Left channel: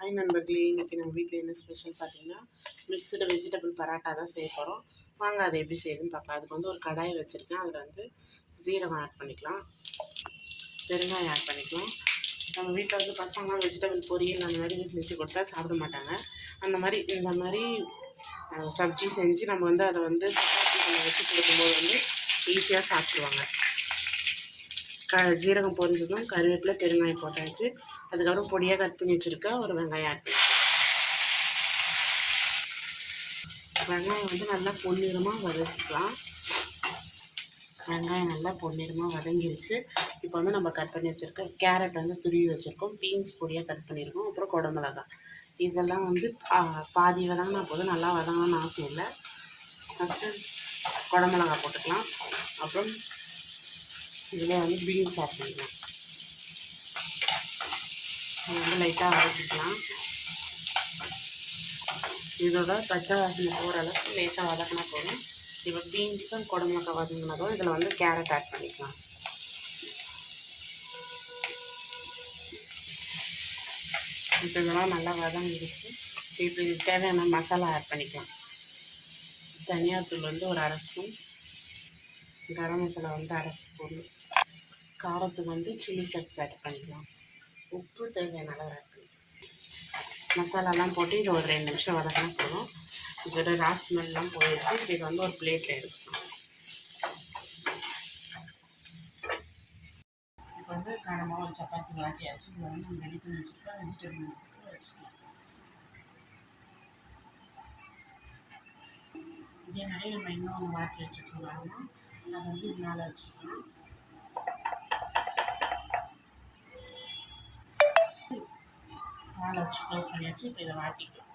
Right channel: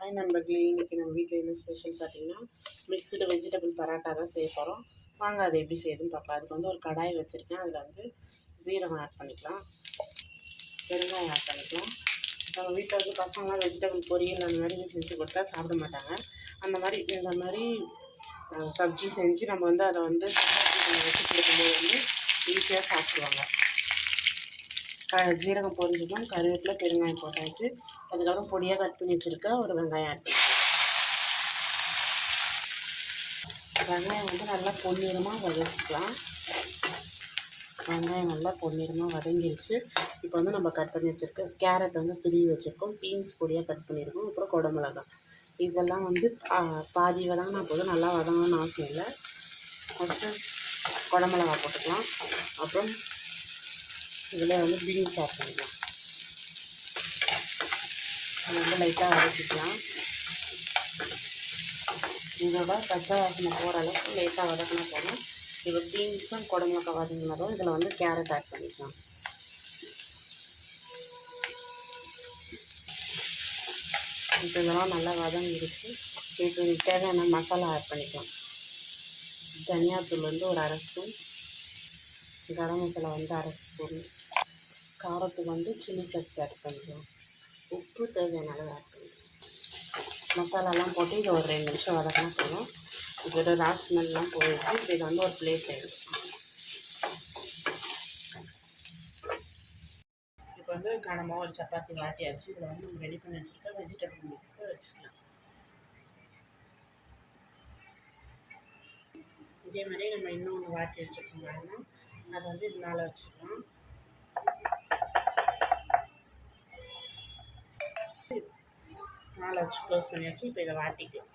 Hi நண்பர்களே, இன்றைக்கி நம்ம வீட்டில் என்ன ஸ்பெஷல் பார்த்தீங்கன்னா மிக்ஸ்டு வெஜிடபிள் பரோட்டா தான் செய்ய போகிறோம். வாங்க அதை எப்படி செய்யுதுன்னு பார்க்கலாம். அதுக்கு வந்து ஒரு கடாய் வச்சுருக்கேன். அதில் வந்து ஜீரகம் ஆட் பண்ணிக்கலாம், பெருங்காயம் ஆட் பண்ணிக்கலாம். நம்ம வீட்டில் வந்து பசங்களாம் வெஜிடபிள் பொரியல் அந்த மாதிரி செஞ்சு கொடுத்தா சாப்பிட மாட்டாங்க. இந்த மாதிரி சப்ஜி செஞ்சு நம்ம வந்து அதை வந்து சப்பாத்தி வச்சு கொடுக்கும்போது வந்து ஈஸியாக சாப்பிடுவாங்க. ஜீரகம் பொரிஞ்சதும் கருவேப்பிலை பெருங்காயம் போட்டாச்சு. அதுக்கப்புறம் பொடியாக கட் பண்ணி வச்சுருக்க ஒரு வெங்காயம் ஆட் பண்ணிக்கலாம். வெங்காயம் வந்து நல்லா பொன்னிறமாக வதக்கிக்கலாம். வெங்காயம் நல்லா பொன்னிறமாக வதங்கிடுச்சு. இப்போ வந்து நம்ம கட் பண்ணி வச்சுருக்க கேரட் வந்து துருவி வச்சுருக்கோம், பீன்ஸ் பொடியாக கட் பண்ணியிருக்கோம், அப்புறம் குடமிளகாய் இதெல்லாம் வந்து பாதி வதங்கினா போதும், நல்லா வதங்கணும்னு அவசியம் இல்லை. ஃபஸ்ட்டு குடமிளகாய் போட்டுக்கலாம். அப்புறம் இதில் வந்து பீன்ஸ் ஆட் பண்ணிக்கலாம். வந்து லைட்டாக வதக்கிக்கலாம். இதோட பச்சை வாசனை போகிற அளவுக்கு லைட்டாக வதக்கினா போதும். இப்போ பீன்ஸும் குடமிளகாய் வதங்கினதும் இதில் வந்து கேரட் ஆட் பண்ணிக்கலாம். இப்போ இதெல்லாம் நல்லா வதங்கிடுச்சு. இப்போ இது தேவையான மசாலா ஆட் பண்ணிக்கலாம். தனியாத்தூள் வந்து ஒரு 1/2 ஸ்பூன், கரம் மசாலா வந்து 1/2 ஸ்பூன், காரத்துக்கு வந்து சில்லி ஃப்ளேக்ஸ் ஆட் பண்ணிக்கலாம், உப்பு தேவையான அளவு ஆட் பண்ணிக்கலாம். மசாலாலாம் போட்டு இது ஒரு 2 நிமிஷம் வதக்கினா போதும். இதோட ராஸ் ஸ்மெல்லாம் போயிடுச்சு. இப்போ இது வந்து ஒரு பிளேட்டில் எடுத்துக்கலாம். இப்போ வந்து கனமாக ஒரு சப்பாத்தி வாட்டியாச்சு. இதில் வந்து நம்ம ரெடி பண்ணி வச்சுருக்க வெஜிடபிள் மிக்ஸை வச்சுக்கலாம். இதே மாதிரி நம்ம இன்னொன்று வாட்டி வச்சுருக்கோம் பாருங்கள், அதை வந்து இது மேலே வச்சுக்கலாம். மேலே வச்சு க்ளோஸ் பண்ணியாச்சு. இப்போ இதை வாட்டிக்கலாம்.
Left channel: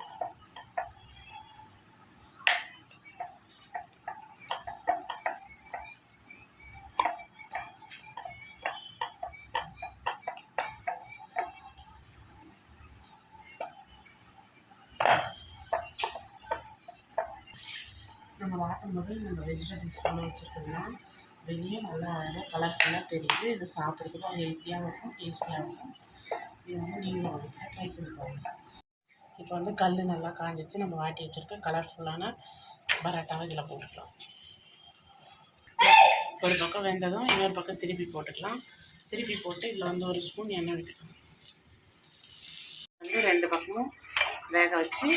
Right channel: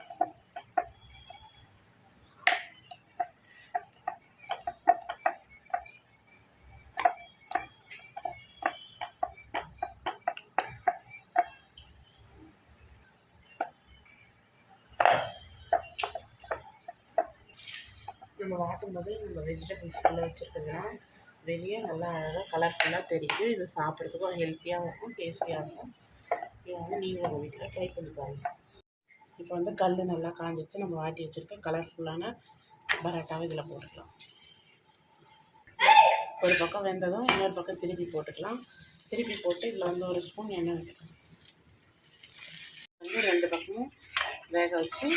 நம்ம வாட்டும் போது நம்ம வெஜிடபிள்ஸ் உள்ள வச்சுருக்கிறதுலாம் வெளியே நல்லா அழகாக கலர்ஃபுல்லாக தெரியுது. இது சாப்பிட்றதுக்கும் ஹெல்த்தியாகவும் இருக்கும், டேஸ்டியாக இருக்கும். இதை வந்து நீங்களும் உங்கள் வீட்டில் ட்ரை பண்ணி பாருங்கள். இப்போ வந்து கல் நல்லா காஞ்சிச்சு. நம்ம வாட்டி வச்சுருக்க கலர்ஃபுல்லான பரோட்டாவை இதில் போட்டுக்கலாம். ஒரு பக்கம் வெந்ததும் இன்னொரு பக்கம் திருப்பி போட்டுக்கலாம். திருப்பி போட்டு இதில் வந்து ஒரு ஸ்பூன் எண்ணெய் விட்டுக்கலாம். வந்து 2 பக்கமும் வேக வச்சு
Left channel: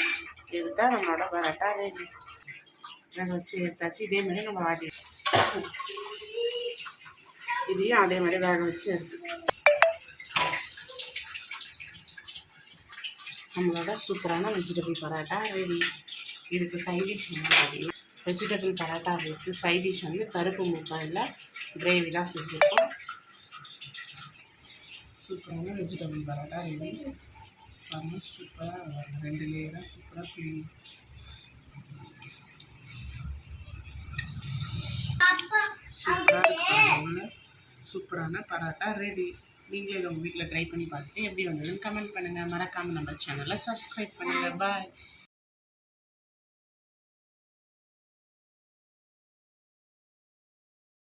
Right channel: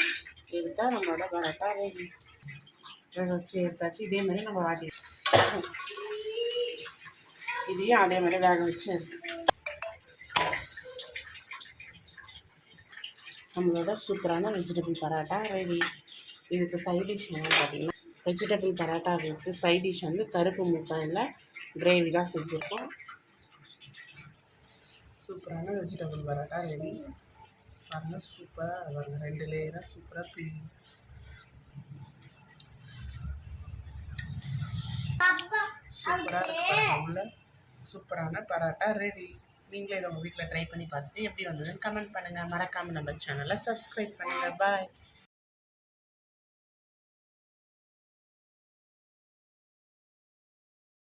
எடுத்தால் நம்மளோட பரோட்டா ரெடி. வேக வச்சு எடுத்தாச்சு. இதே மாதிரி நம்ம வாட்டி இதையும் அதே மாதிரி வேக வச்சு எடுத்து நம்மளோட சூப்பரான வெஜிடபிள் பரோட்டா ரெடி. இதுக்கு சைட் டிஷ் வந்து பார்த்திங்கன்னா vegetable parotta with side dish வந்து கருப்பு முட்டையில் கிரேவி தான் செஞ்சுருக்கோம். சூப்பரான வெஜிடபிள் பரோட்டா ரெடி. பாருங்கள், சூப்பராக வரும். 2 லேயராக சூப்பராக பிரியும். சூப்பரான பரோட்டா ரெடி. நீங்களே இதை உங்கள் வீட்டில் ட்ரை பண்ணி பார்த்துட்டு எப்படி வந்ததுன்னு கமெண்ட் பண்ணுங்கள். மறக்காமல் நம்ம சேனலை சப்ஸ்கிரைப் பண்ணுங்கள். பாய்.